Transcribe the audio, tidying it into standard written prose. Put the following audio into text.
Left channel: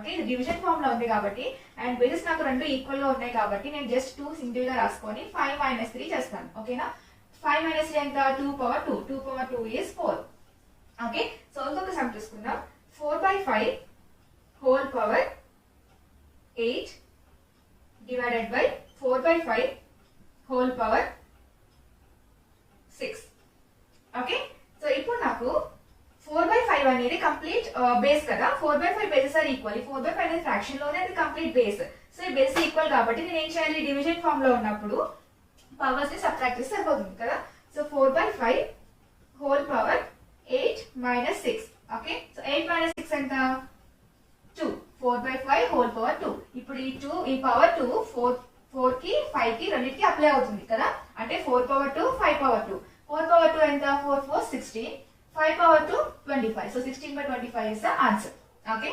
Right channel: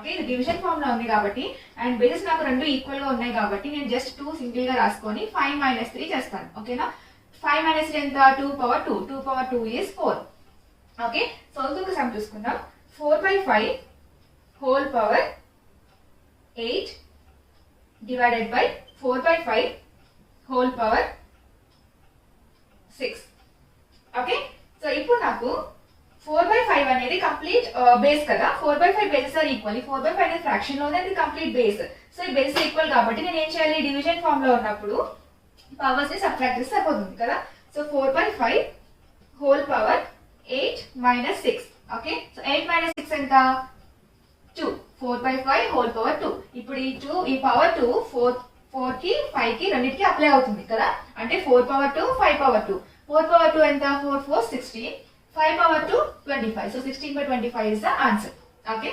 Okay, ఇది division form లో ఉంది కాబట్టి అండ్ బేసెస్ నాకు రెండు ఈక్వల్ గా ఉన్నాయి కాబట్టి నేను జస్ట్ 2 సింగిల్ గా రాసుకొని 5 - 3 చేస్తాను. ఓకేనా, 5 - 3 ఎంత? 2 power 2. 2 power 2 is 4. Okay, so ఇంకొక సమ్ చూసుకుందాం. 4/5 whole power 8 divided by 4/5 whole power 6. Okay, so ఇప్పుడు నాకు 4/5 అనేది కంప్లీట్ బేస్ కదా. 4/5 బేసెస్ ఆర్ ఈక్వల్. 4/5 అనేది ఫ్రాక్షన్ లోనే అది కంప్లీట్ బేస్. సో ఈ బేస్ ఈక్వల్ కాబట్టి నేను ఏం చేయాలి? డివిజన్ ఫామ్ లో ఉన్నప్పుడు పవర్స్ ని సబ్ట్రాక్ట్ చేస్తే సరిపోతుంది కదా. So 4/5 whole power 8 - 6. Okay, so 8 - 6 ఎంత? 2. 4/5 హోల్ పవర్ 2. ఇప్పుడు ఈ పవర్ 2 4 కి 5 కి రెండింటికి అప్లై అవుతుంది కదా. అంటే 4 పవర్ 2 5 పవర్ 2. 4 పవర్ 2 ఎంత? 4 4 16. 5 power 2 25. So 16/25 is the answer. Okay,